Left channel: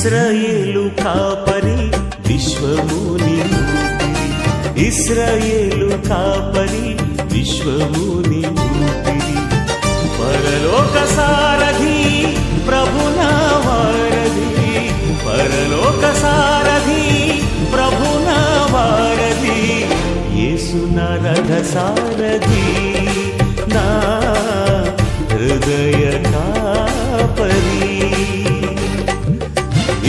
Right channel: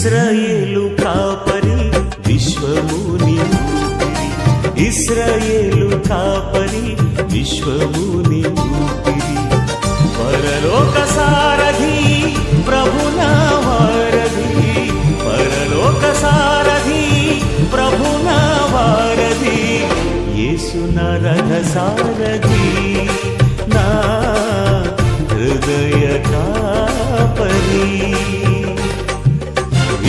ఇశ్రాయేలు కాపరి విశ్వముని ఊపిరి, ఇశ్రాయేలు కాపరి విశ్వముని ఊపిరి. పరలోక సారథి ప్రభునా వారధి, పరలోక సారథి ప్రభునా వారధి, యేసు నా రథ సారథి, నా హృదయ కాపరి.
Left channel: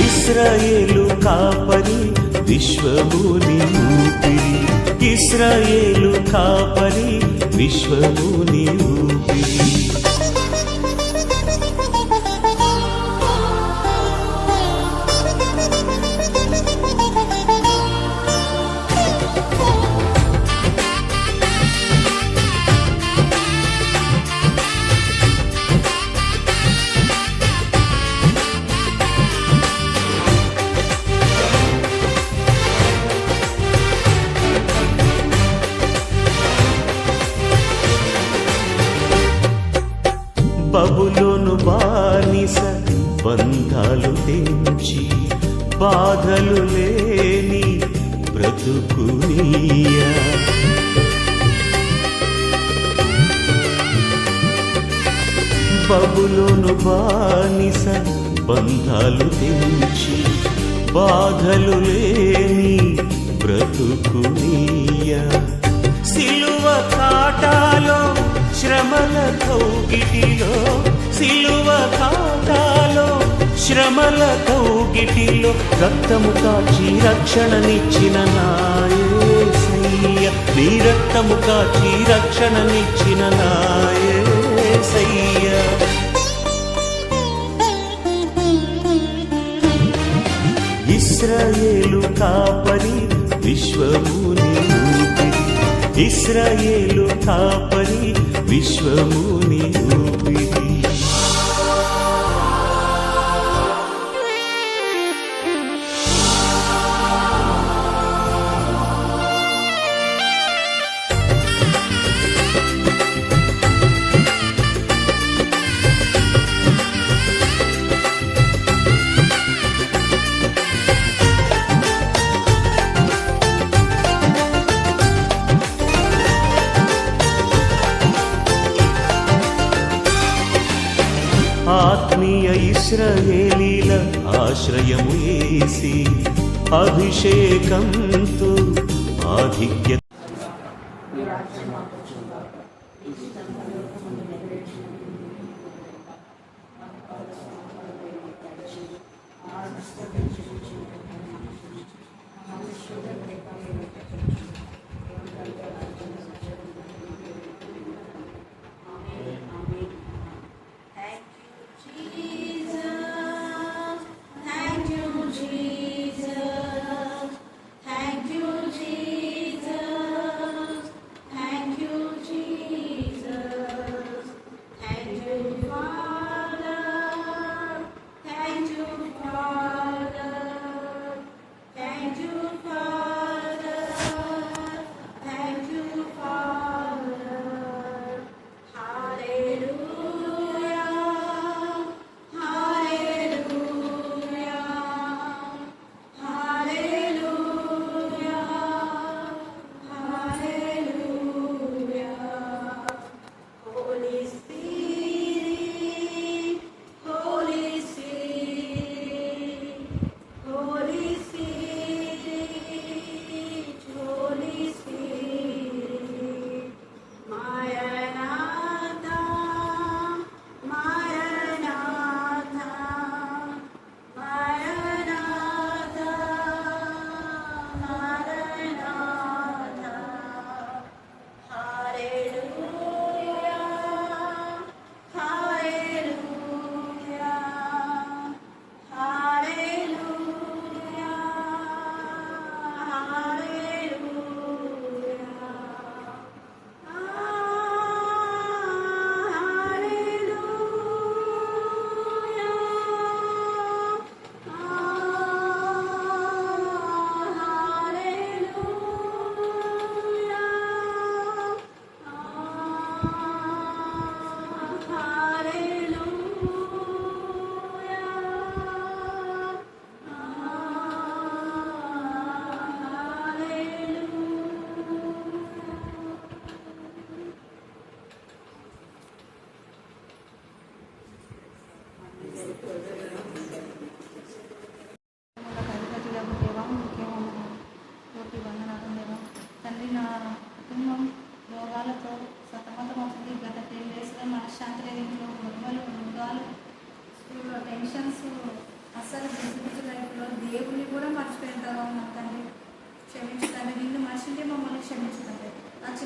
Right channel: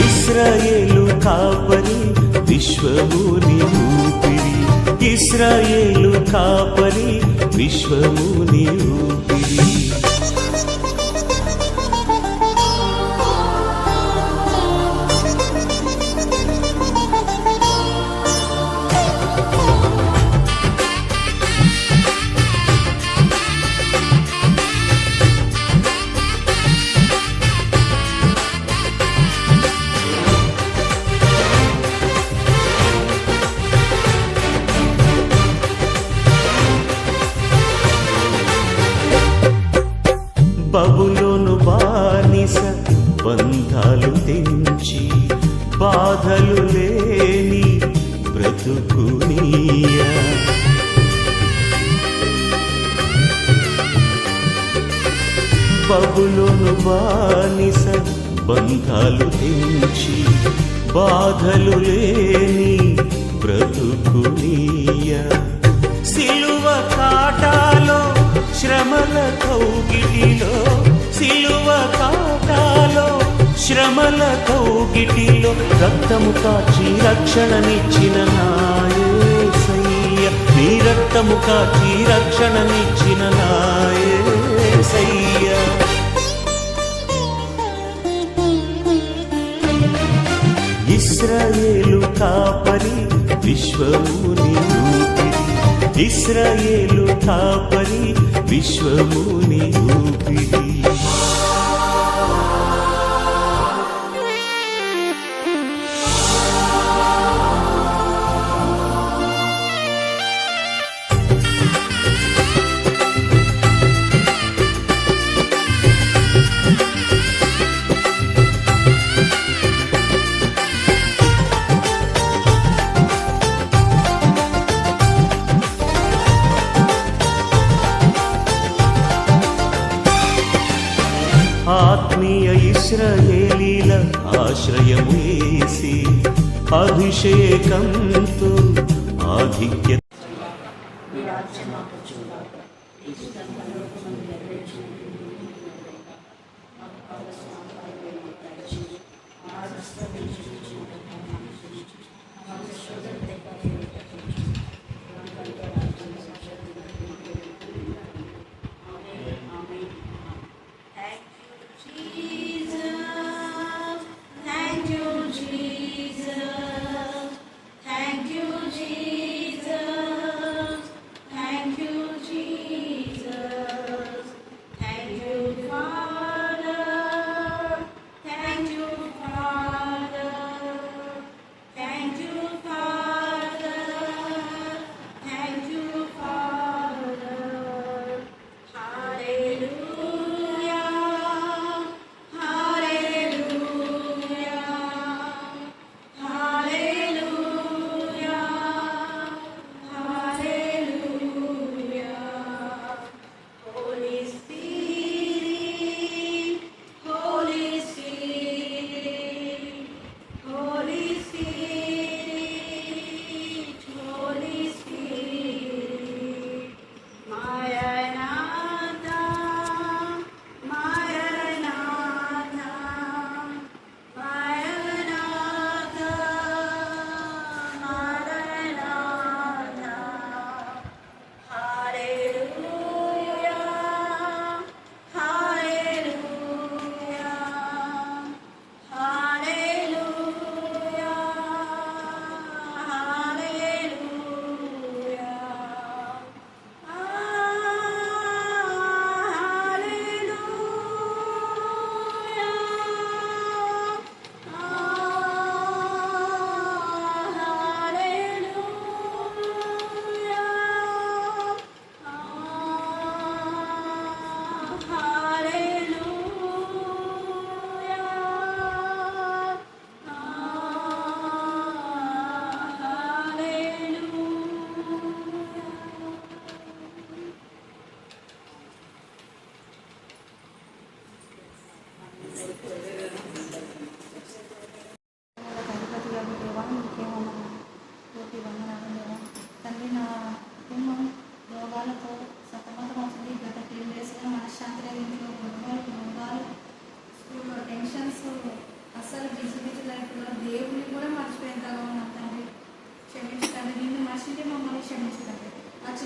ఇశ్రాయేలు కాపరి విశ్వముని ఊపిరి, ఇశ్రాయేలు కాపరి విశ్వముని ఊపిరి. బబులోను బానిస బంధాలు తెంచి, బాధలు లేని బ్రతుకునియా. బబులోను బానిస బంధాలు తెంచి, బాధలు లేని బ్రతుకునియా. సిలువ కాటాలో శ్రమల కౌగిటిలో, సిలువ కాటాలో శ్రమల కౌగిటిలో, రక్తము కాచి రక్షణనిచ్చిన నా యేసయ్య, నీ రక్తము కాచి రక్షణనిచ్చిన నా యేసయ్య. ఇశ్రాయేలు కాపరి విశ్వముని ఊపిరి, ఇశ్రాయేలు కాపరి విశ్వముని ఊపిరి. ఆత్మీయ ఇశ్రాయేలీల ఆశ్రయము యేసి, అభిషేకంతో ఆధిక్య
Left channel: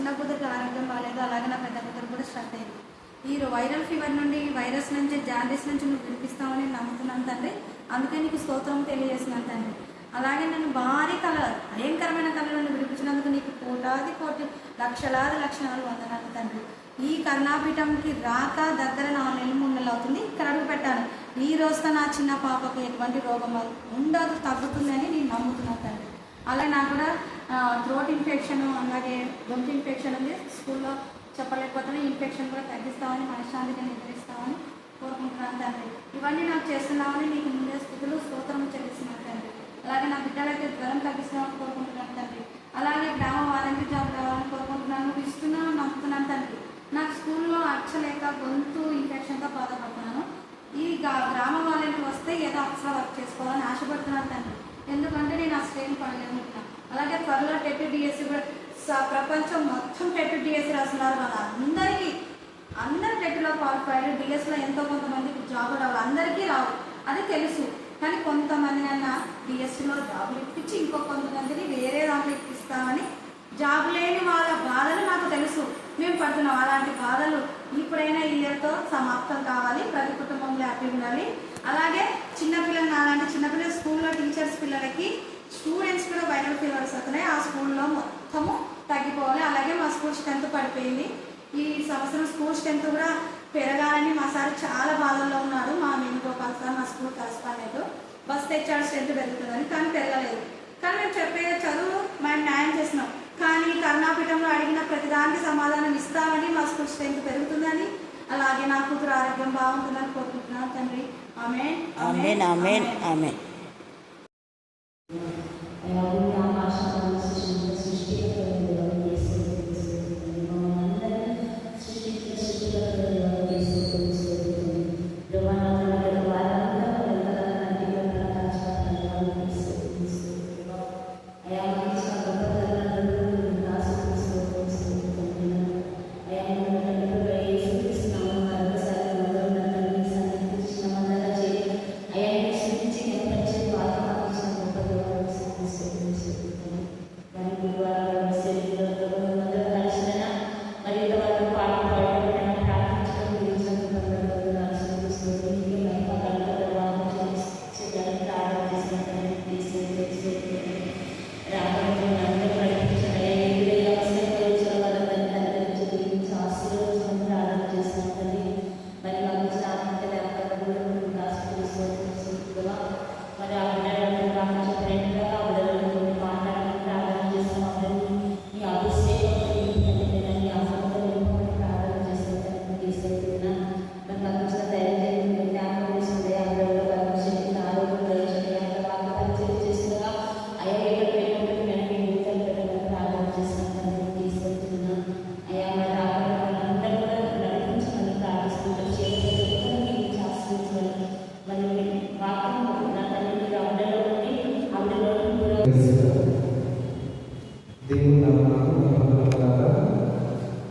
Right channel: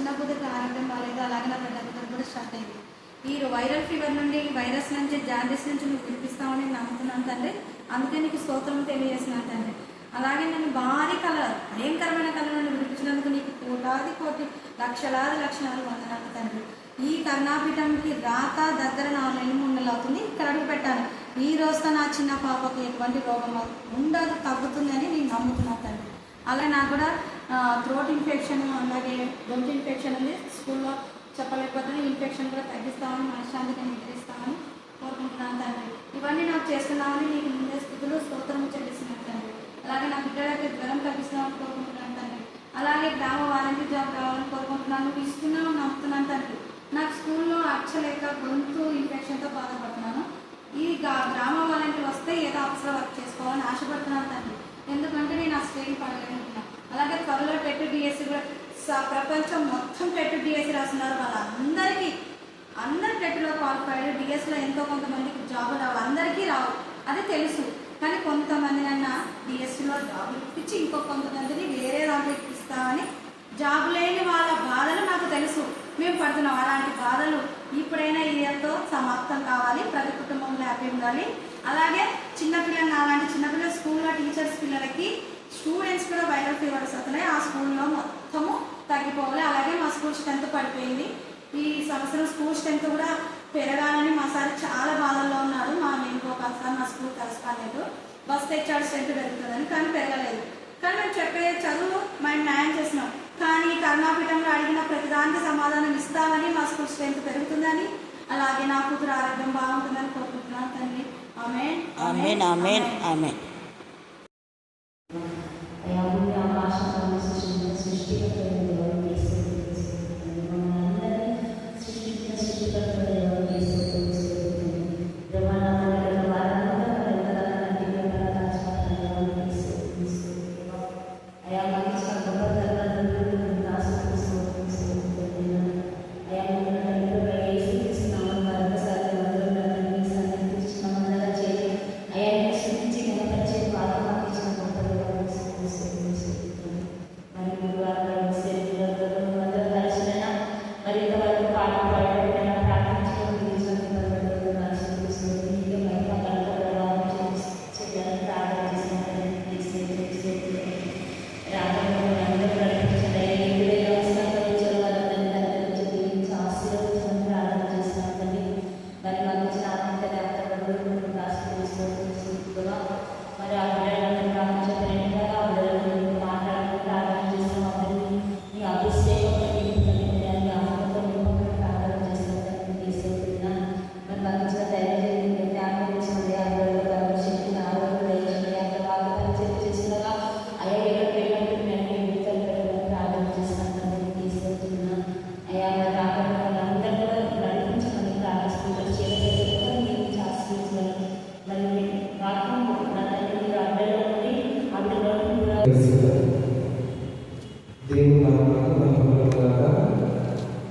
చిన్న కూతురికి ఆరోగ్యం బాగాలేదు, అలాగే నా పెద్ద కూతురు కూడా స్టార్ట్ అయింది. ఈ వైరల్ ఫీవర్ నుండి, వైరస్ నుంచి, జాండీస్ నుంచి నువ్వు వినిపిస్తావని నమ్ముతున్నాను తండ్రి. అందుకే నీకు స్తోత్రం తెలియజేస్తున్నాను తండ్రి. అలాగే నేను భారీ భయంకరమైన కళ నుండి విడిపించినందుకు నీకు కోటి లక్షలాది లక్షణాలు వందనాలు తండ్రి. ఈ కరుణాపీఠంకి రాక దగ్గర 4 నెలలు 3 నెలలు అవుతుంది. ఇక్కడ అడుగు పెట్టాను. ఈ రోజుతో నా చిన్న పాపకి ఎటువంటి రోగం ఉండదు, తగ్గుతుందని నేను నమ్ముతున్నాను తండ్రి. అలాగే నాకు కూడా థ్రోట్ ఇన్ఫెక్షన్, అలాగే గొంతు ఇన్ఫెక్షన్ ఉంది. స్కూల్లో చెప్పలేకపోతే ఇన్ఫెక్షన్ కూడా తగ్గిస్తామని, మనశ్శాంతిగా నిద్రిస్తామని కోరుకుంటున్నాను తండ్రి. ఇవన్నీ నాకు చేస్తున్నామని నీకు ముందే స్థుతులు స్తోత్రము చెల్లిస్తున్నాను తండ్రి. అలాగే నా బిడ్డలకి జ్వరం తగ్గిస్తున్నామని కోరుకుంటున్నాను తండ్రి. అలాగే గ్రామ వాలంటీర్ జాబ్ రావాలని కోరుకుంటున్నాను. నువ్వు ఇస్తున్నావు, నమ్ముతున్నాను తండ్రి. నాకు స్కూల్లో అచ్చలేక గొంతు ఇన్ఫెక్షన్తో బాధపడుతున్నాను. ఈ గ్రామ వాలంటీర్ వస్తే ఏదో అప్సరా వర్క్ చేసుకోవాలని ఆశపడుతున్నాను తండ్రి. ఎందుకంటే నేను ఆ స్టేట్ పడలేనుకుంటున్నాను. అలాగే త్వరలో టెట్ డిఎస్సి కూడా ప్రపంచం మొత్తం టెట్ డిఎస్సి రాస్తున్నారు. అందరు టెట్లో క్వాలిఫైడ్, డిఎస్లో ఎంతో కొంతమందికి జాబులు రావాలి, అందరికీ రావు, అది తెలుసు. కానీ కొంతమందినైనా డిఎస్సిలో జాబులు ఇప్పించి ఇంకో కొంతమందిని వేరే దాంట్లో ఇప్పిస్తామని జాబ్ లేని వాళ్ళ బాధలు నాకు తెలుసు. మేము పడుతున్నాం అలాంటి బాధలు. ఇప్పుడైనా ఈ ఇయర్తో సమాప్తం కావాలి. ప్రతి కుటుంబంలో హ్యాపీ ఉండాలి. అలాగే చిన్నపిల్లలు, అలాంటి చిన్నపిల్లలు స్కూల్లో టీచర్స్ పిల్లలకి, స్టూడెంట్స్ కూడా వైరల్ ఫీవర్స్ అవుతున్నాయి. ఆ స్కూల్లో మొత్తము తగ్గిపోవాలి. అలాగే మా స్కూల్ స్ట్రెంత్ పడిపోయింది. ఈ సంవత్సరం స్కూల్ స్ట్రెంత్ కూడా పెరగాలని మా సార్ చాలా బాధల్లో ఉన్నారు. మా వేణుగోపాల్ సార్ నా స్కూల్ కలుసుకోలేదు. బస్ తెచ్చాడు స్ట్రెంత్ పెరుగుతుందని, కానీ పెరగలేదు. కానీ మేము చెప్పే చదువు మేము న్యాయం చేసినాం. కానీ కరుణాపీఠంలో అడిగిన ప్రతిదానికి సమాధానం ఇస్తామని, మా స్కూల్ స్ట్రెంత్ పెరుగుతుందని, అలాగే నా కూతురు ఆరోగ్యం బాగుంటుందని కోరుకుంటున్నాను తండ్రి. ఆమేన్, ఆమేన్, ఆమేన్, ఆమేన్.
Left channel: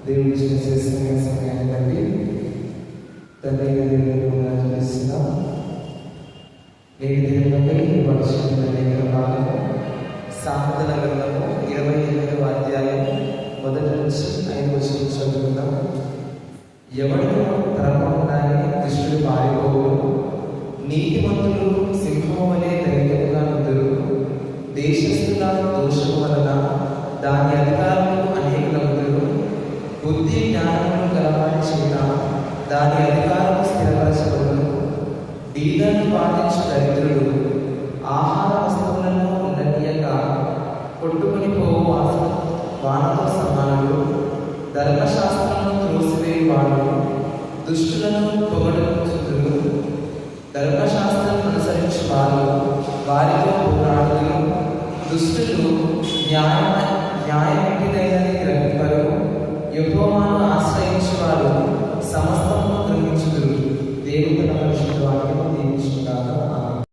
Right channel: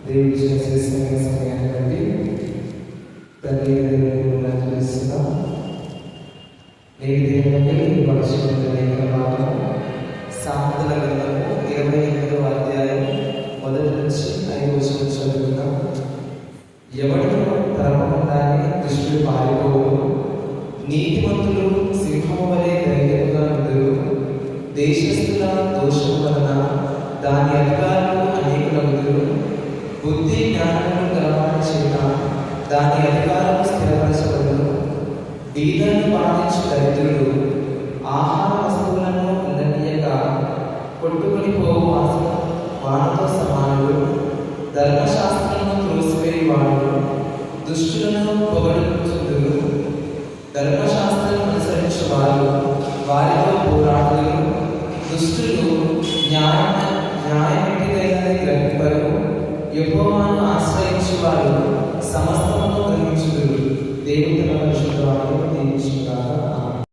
దేవుడు చేసిన సమయాన్ని బట్టి తండ్రి చూస్తున్నాం. నేటి దినమై పరిశుద్ధ లేఖనాలు సామెతల గ్రంథము 28వ అధ్యాయం 1 నుంచి 5 వచనం చదువుకుందాం. ఎవడు తరపకుండానే దుష్టుడు పారిపోవును, నీతిమంతులు సింహము వలె ధైర్యంగా ఉందరు. దేశస్థుల దోషం వలన దాని అధికారులు అనేకులగుదురు. బుద్ధి జ్ఞానములు గలవారి చేత దాని అధికారులు స్థిరపరచబడును. బీదలను బాధించు దరిద్రుడు ఆహార వస్తువులను ఉండనీయక కొట్టుకుని పోవు వానతో సమానుడు. ధర్మశాస్త్రము త్రోసివేయువాడు దుష్టులను పొగడుచుదురు. ధర్మశాస్త్రం అనుసరించు వారు వారితో పోరాడుదురు. దుష్టులు న్యాయమిటిదైనది గ్రహింపరు. యెహోవాను ఆశ్రయించు వారు సమస్తమును గ్రహించుదురు. దేవుడు తన పరిశుద్ధ వాక్యము దీవించుగాక. ఆమేన్.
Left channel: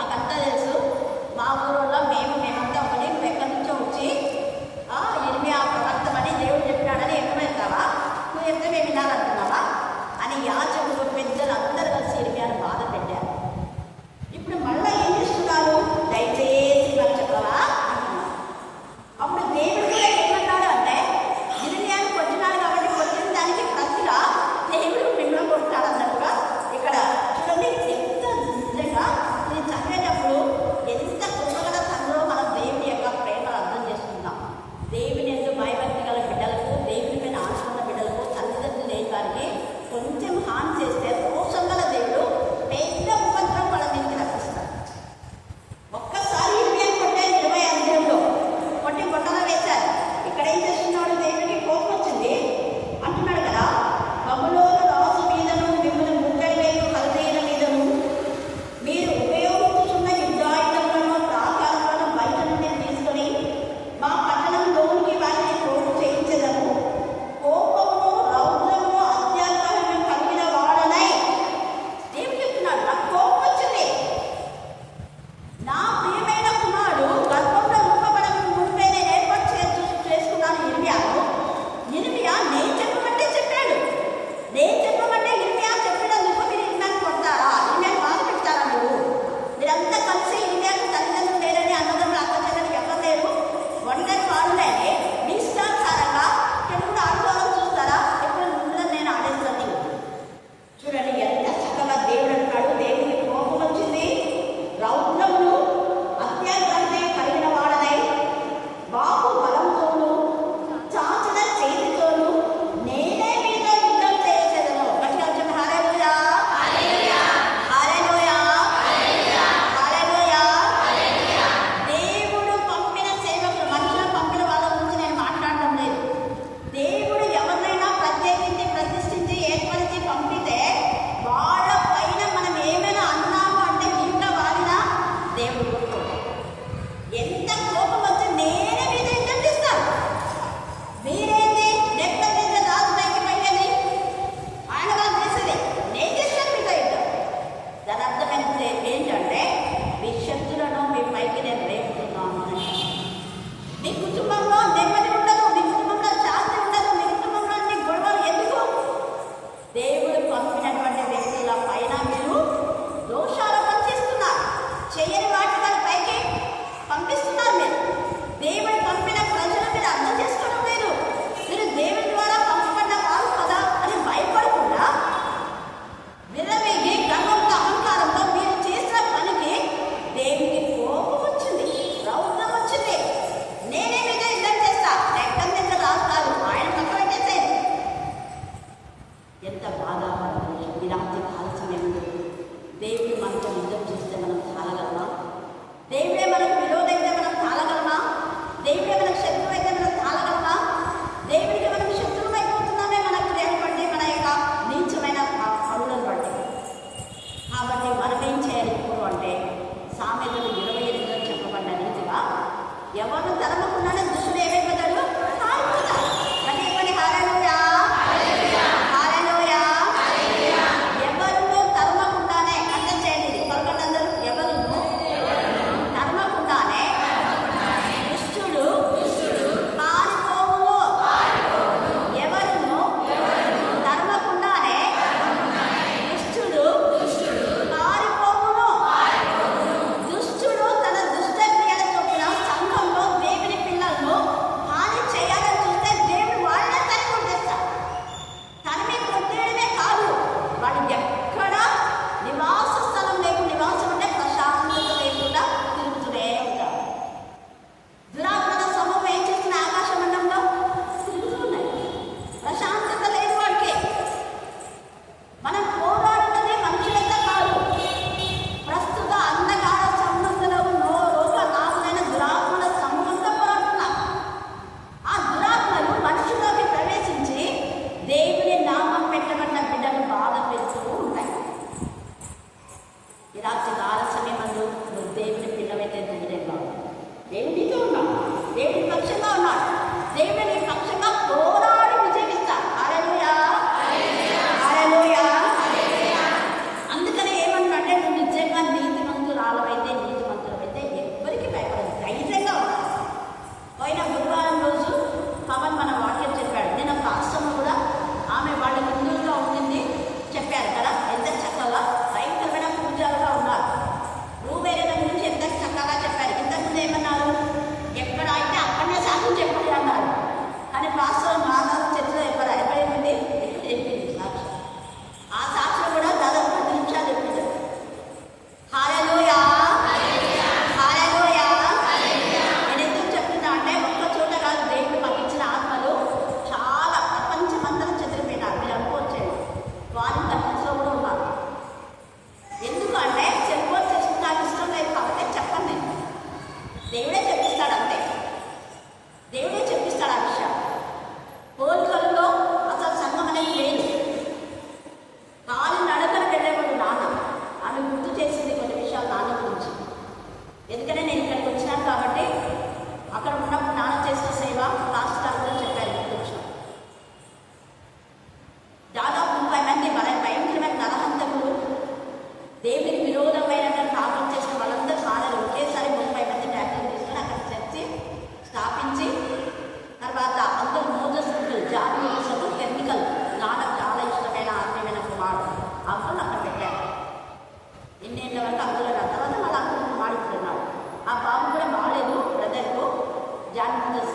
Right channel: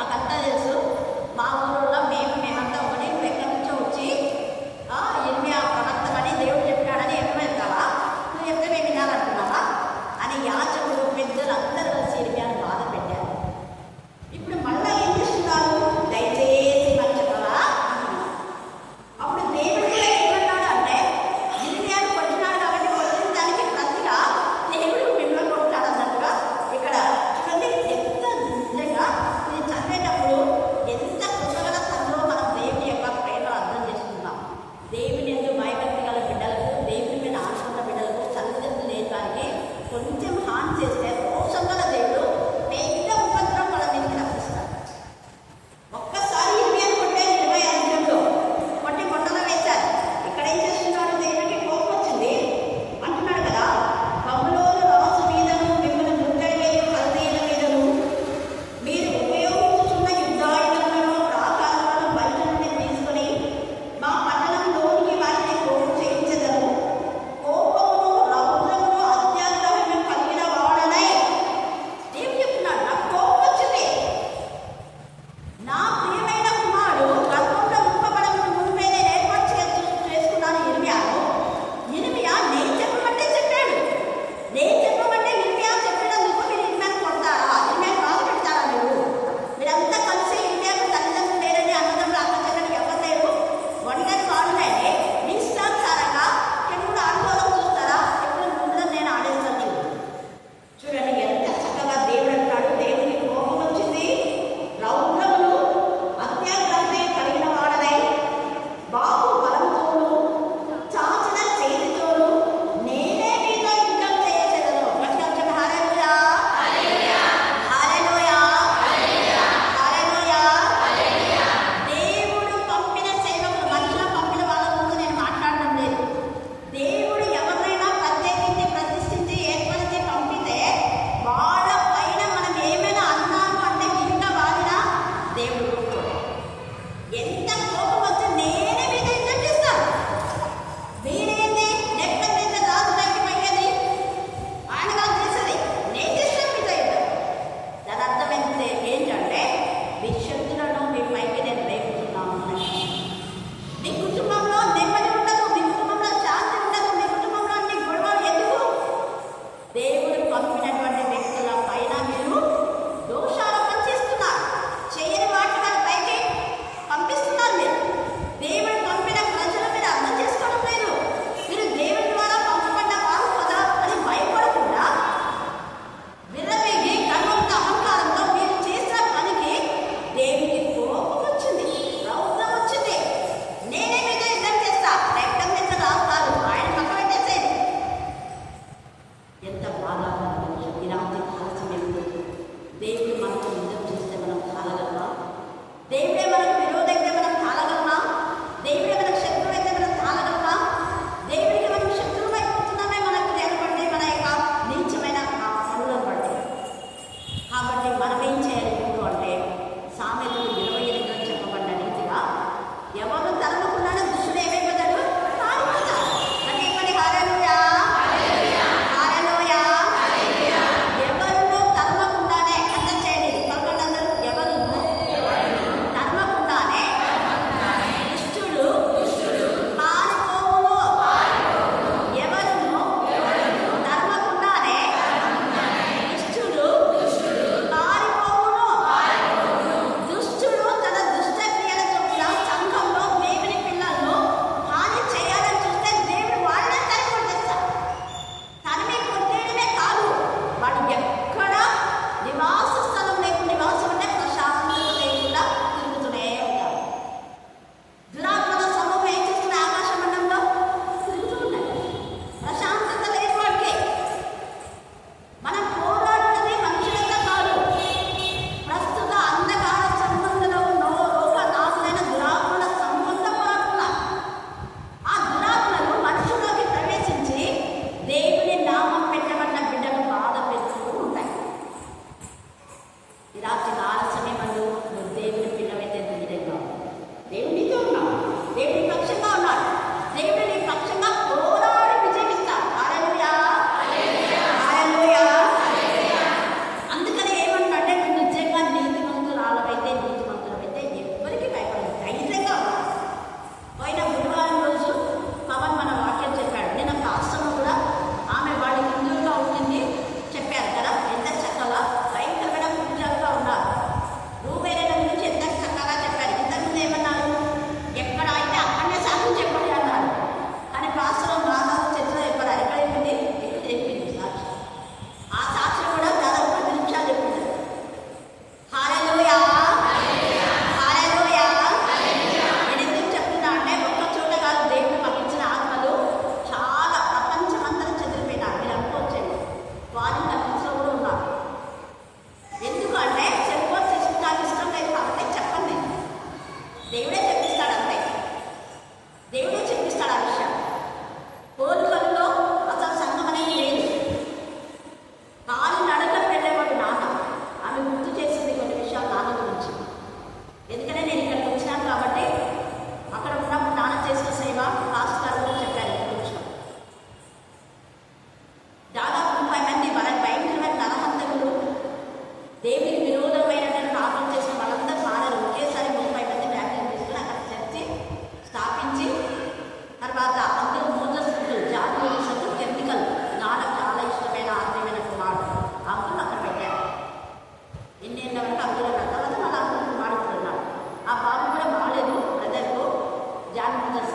మాకంతా తెలుసు, మా ఊళ్ళో మేమంతా ఒకటి, నువ్వు ఎక్కడి నుంచో వచ్చి ఇర్మియా ప్రవర్తమని దేవుడు చెప్పినాడని ఎక్కడెళ్తావా, నువ్వు చెప్తే మేము వినాలనుకున్నావా అని యాజకులు పెద్దలు అందరూ కలిసి ఇర్మియాను బాధ పెట్టారు. ఇప్పుడు మళ్ళీ ఏం చేస్తున్నారు, దయచేసి మరి చెప్పవా అంటున్నారు. అప్పుడు దేవుడు కూడా ఏమన్నాడు అంటే, ఇర్మియాను కొట్టినాడు కాబట్టి కొట్టిన దానికి ప్రతిగా దేవుడు మిమ్మల్ని కొట్టాడు అన్నట్టుగా ఇక్కడ చూడండి. ఎంత నిజంగా ఇది చదివేటప్పుడు ఎంత కృతజ్ఞత తండ్రిలో మనం దేవుని యొక్క ప్రేమను అర్థం చేసుకుంటాం. దేవుని ఎందుకు భయభక్తి గల బిడ్డలకు, దేవుని పైన ఆశన్న బిడ్డలకు, తల్లిదండ్రులు లేని వారికి కొంచెం హాని చేస్తే రోషం గల దేవుడు పెద్ద ఉపద్రవం వాళ్ళ మీదకి రప్పిస్తారు. ఒక్కసారి 20 కొట్టారు, 20 అధ్యాయంలో కొట్టి కొట్టలో వేశారు. ఇక్కడ ఏం చేస్తున్నాడు, దేవుడికి కోపం వచ్చింది అంటున్నాడు కదా, బబులోను రాజు మీదను మిమ్మల్ని ముట్టడి వేయు కల్దీయుల మీదను మీరు ఉపయోగించుతున్న యుద్ధాయుధములను ప్రాకారాలను బయట నుండి తీసుకొని మా పట్టణంలోనికి వాటిని కోపం చేయించదను. కోపమును రౌద్రమును అత్యాగ్రహము కలిగిన వాడనై దేవుడు చెప్తున్నాడు, నాకు కోపం వచ్చింది. నా ప్రియమైన కుమారుడు గర్భంలో రూపబడక మునిపే నేను ఏర్పాటు చేసుకున్నాను ఇర్మియాను. ఇర్మియా నేను చెప్పమంటే చెప్పాడు. నేను చెప్పమంటే ఇర్మియా చెప్పినందుకు మీరు ఇర్మియాను కొడతారా, ఇర్మియాను బాధ పెడతారా? మీరంతా కలిసి ఇర్మియాకు తల్లిదండ్రులు లేరని, అన్నదమ్ములు అక్క చెల్లెలు ఎవరు లేరు, ఒంటరి వాడునని మీ ఇష్టానుసారంగా చెడుగుడు ఆడుకోవాలని చూస్తారా? ఎప్పుడు మిమ్మల్ని నేను ఆడేస్తాను. చూడండి ఎంత చక్కగా దేవుడు అంటాడు, దేవుడికి కోపం వచ్చింది, రౌద్రమును అత్యాగ్రహత కలిగిన వాడనై బాహు బలంతోనూ చాచిన చేతితోనూ నేనే మీద యుద్ధం చేయచెదను. గట్టిగా చెప్పండి, హల్లెలూయా, హల్లెలూయా, హల్లెలూయా. దేవుడు పంపిన సేవకులు, మనుషులు పంపిన వాళ్ళ గురించి నేను మాట్లాడడం లేదు. దేవుడు ఎవరినైనా ప్రత్యేకించి ప్రతిష్ఠించి ఏర్పరిచి పంపితే వాళ్ళ పైన మనం ఏమైనా అన్నాము అంటే ఇంకా వాడినా దేవుడు కొట్టుకోడు. ఎంత కోపం వచ్చి నేనే మీద యుద్ధం చేస్తాను, మీరేంటి నెప్పందించ రాజు పైకి పోయేది, ఆయన కాదు చేసేది, నేను చేస్తాను మీద యుద్ధం. దాని అర్థం ఏంటంటే మీ శక్తులను మీ పైకి నేను రేపుతున్నాను. మీ కుటుంబంలో నెమ్మది ఉండదు, మీ కుటుంబంలో శాంతి ఉండదు, మీ కుటుంబంలో అన్ని గొడవలు ఎందుకు? దేవుడు పంపినటువంటి వ్యక్తుల పైన మీరు దోషారోపణ చేస్తున్నారు, చేయని వాటి వాళ్ళ పైకి పంపిస్తున్నారు. మీరు దేవుడు పంపిన ప్రజలు మీరు అర్థం చేసుకోవడం లేదు. మీరు దేవుడి ద్వారా పంపబడ్డ వారు కదా అని భయపడకుండా విర్రవేగి గర్వంతో అహంకారంతో మీరు చేసిన పనికి దేవునికి కోపం వచ్చింది, రౌద్రం వచ్చింది. నేనే మీద యుద్ధం చేస్తా, రక్తం మీద రాస్తారు, ఆయన పక్క పెట్టేసేది. ఎంత బాధాకరమైన విషయం. ఈ రాత్రి కాల సమయంలో దేవుడు మనతో యుద్ధం చేస్తే మనం తాళగలమా? దేవుడే మనకు విరోధైతే మనం తాళగలమా? దేవుడే మనకు శత్రువు అయితే మనం తాళగలమా? దేవుడికి మనం శత్రువు అయిపోతున్నామే మన క్రియలు బట్టి, మన యొక్క నీచమైన పనులను బట్టి. కాబట్టి మనం ఏం చేయాలి ఇప్పుడు అంటే, సామెతలు 28లో చెప్పబడ్డ రీతిగా ఎవరు తరమకుండానే దుష్టుడు ఏమైపోతాడు, పారిపోతాడు. అంటే ఇవ్వండి, హల్లెలూయా, హల్లెలూయా,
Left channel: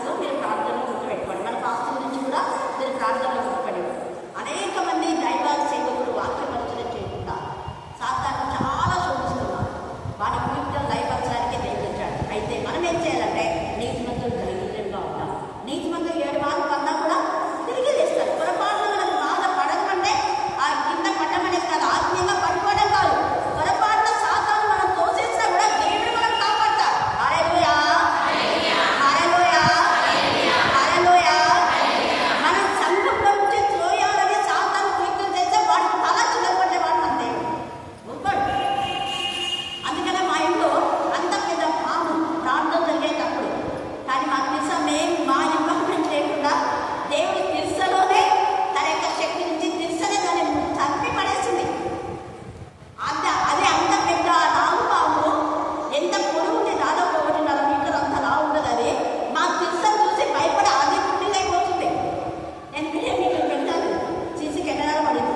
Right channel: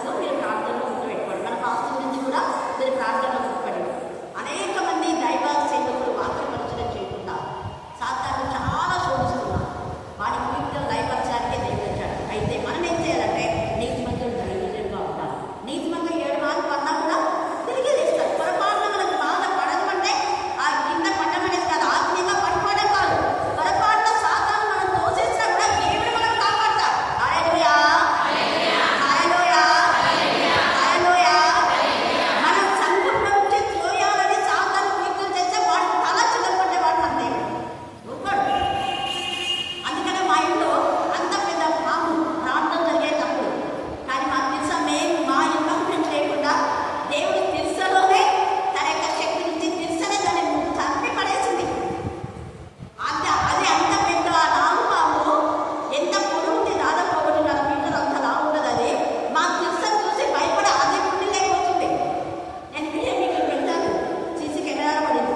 పాస్టర్స్ మీరు ప్రార్థనలో గుర్తుపెట్టుకోండి. మన పాస్టర్ గురించి కూడా మీరు ప్రార్థనలో గుర్తుపడండి. అనేక మంది దైవ సేవకులు వాక్య పరిచయం చేయకుండా సాతాను చాలా శోధిస్తున్నారు. వాడి కుయుక్తులు లయపరచడానికే దేవుడు వచ్చాడు. అయితే మనం ఏం చేయాలంటే నీతిమంతులు ధైర్యంగా ఉంటాం. నీతిమంతులు 7 మార్లు పడినా కూడా తిరిగి లేస్తారు. పొరపాటున మనకు బాధ పడడం అంటే ఆ కింద పడ్డం అనేది కాదు, ఆత్మీయంగా పడిపోవడం కాదు. పొరపాటున సాతాను మనం తోసేసినా కూడా దేవుడు మనం కాపాడతాడు. హల్లెలూయా, హల్లెలూయా, హల్లెలూయా. మన సంఘంలో నుంచి త్రోయాలని సాతాను కుయుక్తులు చేస్తే వాడు తల చిల్లగొట్టేవాడు మన దేవుడు ఊరుకోడు. అందుకనే మా ఇంట్లో అంత పెద్ద పాము ప్రార్థన జరిగేటప్పుడు కానీ మాకు తెలుసా, మేము మా ఇన్వాల్వ్మెంట్ లేకుండా దేవుడి తిరుసలోనే తన యొక్క శక్తి నుంచి తిరుసనే దాన్ని చంపి పడేసింది. అది అంత పెద్ద నాగుపాము, ఎంత పొడవు ఉంది, దాదాపు 1.5 మీటర్ అంత లా ఉండదు. అది మా తిరుసను చూసి భయపడి అదే పుట్టి లేకపోతుంది. నేను వీడియో మీకు పెట్టాను, సీసీ కెమెరాలో పడింది.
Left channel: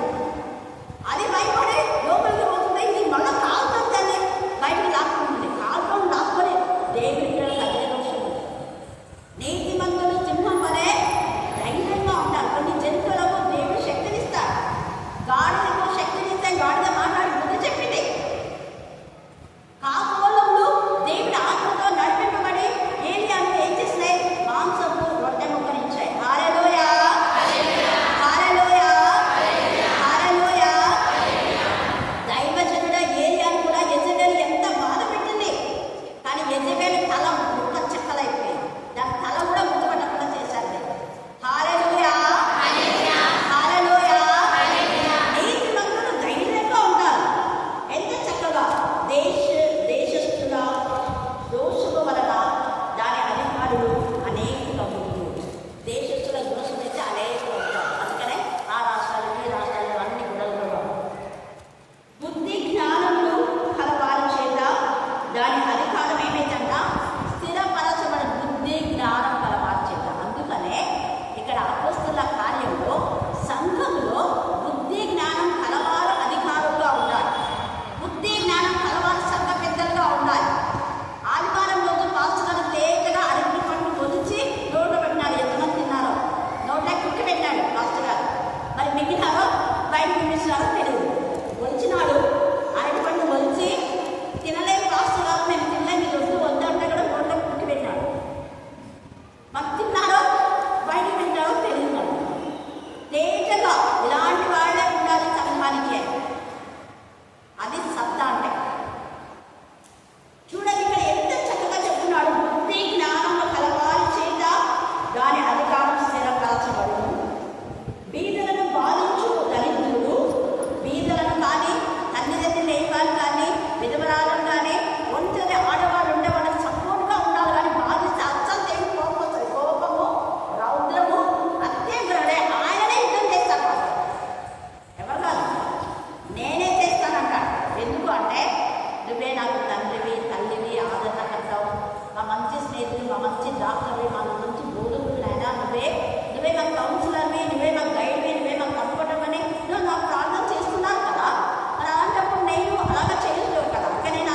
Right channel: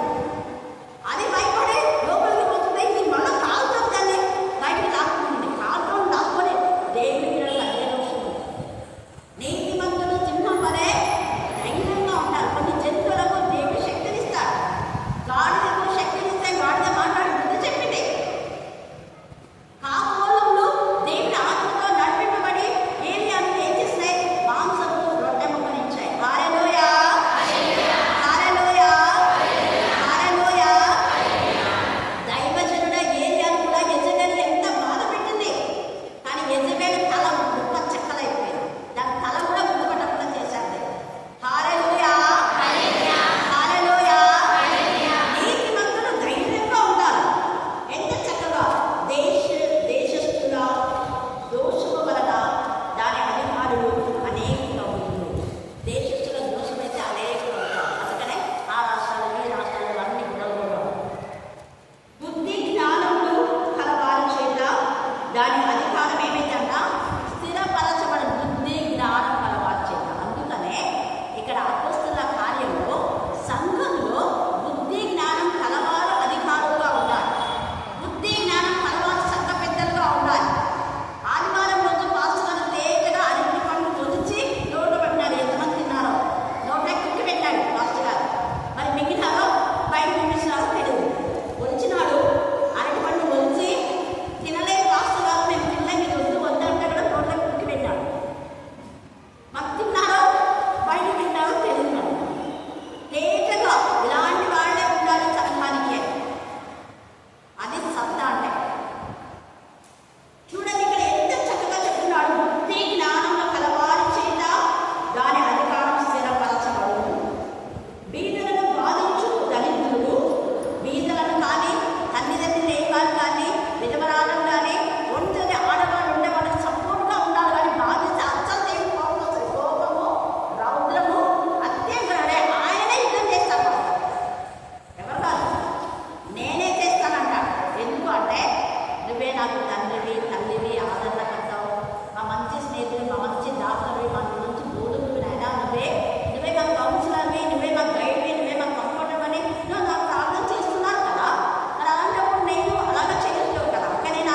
అది భయపడి లోపలికి పోతుంది. ఇది మళ్ళీ కాలుతో దాన్ని బయటికి లాక్కుంటుంది. కాలుతో లాక్కొని దేవుడి పిల్లలకు అదే దోషం ఉంది. నీతిమంతులు సింహం వలె ధైర్యంగా ఉంటారు. కొన్ని జంతువులకు దేవుడు శక్తినిస్తాడు. గాడిదకు శక్తినిస్తే గాడిద మాట్లాడి బుద్ధి చెప్పింది. కాకోలములు దేవుడి ఆత్మతో నడిపింపబడి ఏలియాను ఏం చేసినాయి? మాంసపు రొట్టె ముక్కనిచ్చాయి. హల్లెలూయా, హల్లెలూయా, హల్లెలూయా. దైవజనుడ ఏలియాను కూడా యెజెబెలు ఎంత బాధ పెట్టింది. కానీ యెజెబెలు తల ముక్క చెక్కలైపోయింది. దాని తల కూడా గుర్తుపట్టకుండా చేశారు. హల్లెలూయా, హల్లెలూయా. నీతిమంతులు ధైర్యంగా ఉంటారు. ఎంత చక్కగా దేశస్థుల దోషము వలన దాని అధికారులు అనేకంగా ఉంటారు. దేశస్థుల దోషమైతే అనేకంగా ఉంటారు. అందుకనే ఆ రాష్ట్రాలు ఈ రాష్ట్రాలు అన్ని గుడలు. బుద్ధి జ్ఞానములు కలవారి చేత దాని అధికారం ఏమైందంట? స్థిరపరచబడి బుద్ధి జ్ఞానం కలవారి చేత. అందుకనే ఇక్కడ అపోస్తలుల కార్యంలో సంఘంలో బుద్ధి జ్ఞానం కలవారు అధికారులుగా ఉండాలి. బుద్ధి జ్ఞానం కలవారు సంఘ పెద్దలుగా ఉండాలి. ఆదివారం రోజు పాస్టర్ గారు తేజగా అరటి పండు పొదిచి నోట్లో పెట్టినారు. ఎంతమంది తిన్నారో నోట్లో కుక్కి పెట్టాడు పాస్టర్ గారు. మరి మిగిలినారో బయట పంపించినారో తెలియదు. ఒలిచినాడు, అరటి పండు ఒలిచి తినలేని పాస్టర్ గారు మేము తినలేము, ఇది వద్దు వద్దంటే కూడా నోట్లో కుక్కి పెట్టాడు. మరి తిన్నారో బయట పెట్టారో తెలియదు. తేజగా ఇలాంటి వాళ్ళే ఉండాలి సంఘానికి. అది సత్తా అంటే. చూడండి ఇక్కడ ఎంత చక్కగా చెప్తున్నాడు. బుద్ధి జ్ఞానము కలవారి చేత దాని అధికారం స్థిరపరచబడును. బీదలను బాధించు దళితులు, బీదలను కానీ తల్లిదండ్రులు లేని వాళ్ళు కానీ విధవరాలను కానీ ఒంటరి ఆడవాళ్ళు ఉండే వాళ్ళకి సపోర్ట్గా ఉండాలి. కానీ బాధిస్తే అస్సలు దేవుడు కోపం వస్తుంది. కోపము, రౌద్రము, అత్యంకరడే. ఆయననే యుద్ధం చేస్తాను వాళ్ళు, ఎవరు కాదు. నేనే చేస్తానంటాడు. ఎందుకు అంటే నువ్వే నాకు తండ్రివి, తల్లివి, ఆదరణకర్తావు, మా మంచి స్నేహితులు, మా మంచి డాక్టర్వి, మా మంచి బోధకుడివి. అయినా నువ్వే మాకు కౌన్సిలర్వి, నువ్వే మాకు గైడ్వి, నువ్వే మాకు కంఫర్ట్ అని నువ్వు నాకు ప్రార్థన చేస్తున్నారు కదా. మరి అలాంటప్పుడు నేను అలాగా చేయలేదు కదా. కానీ నేను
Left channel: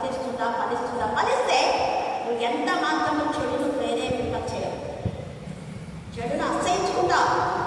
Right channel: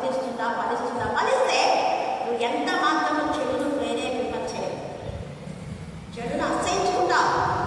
ఫలిస్తే నువ్వు ఎంత మాత్రము చెడును ప్రేరేపింప చేయవు. చెడును అసహించుకుంటావు.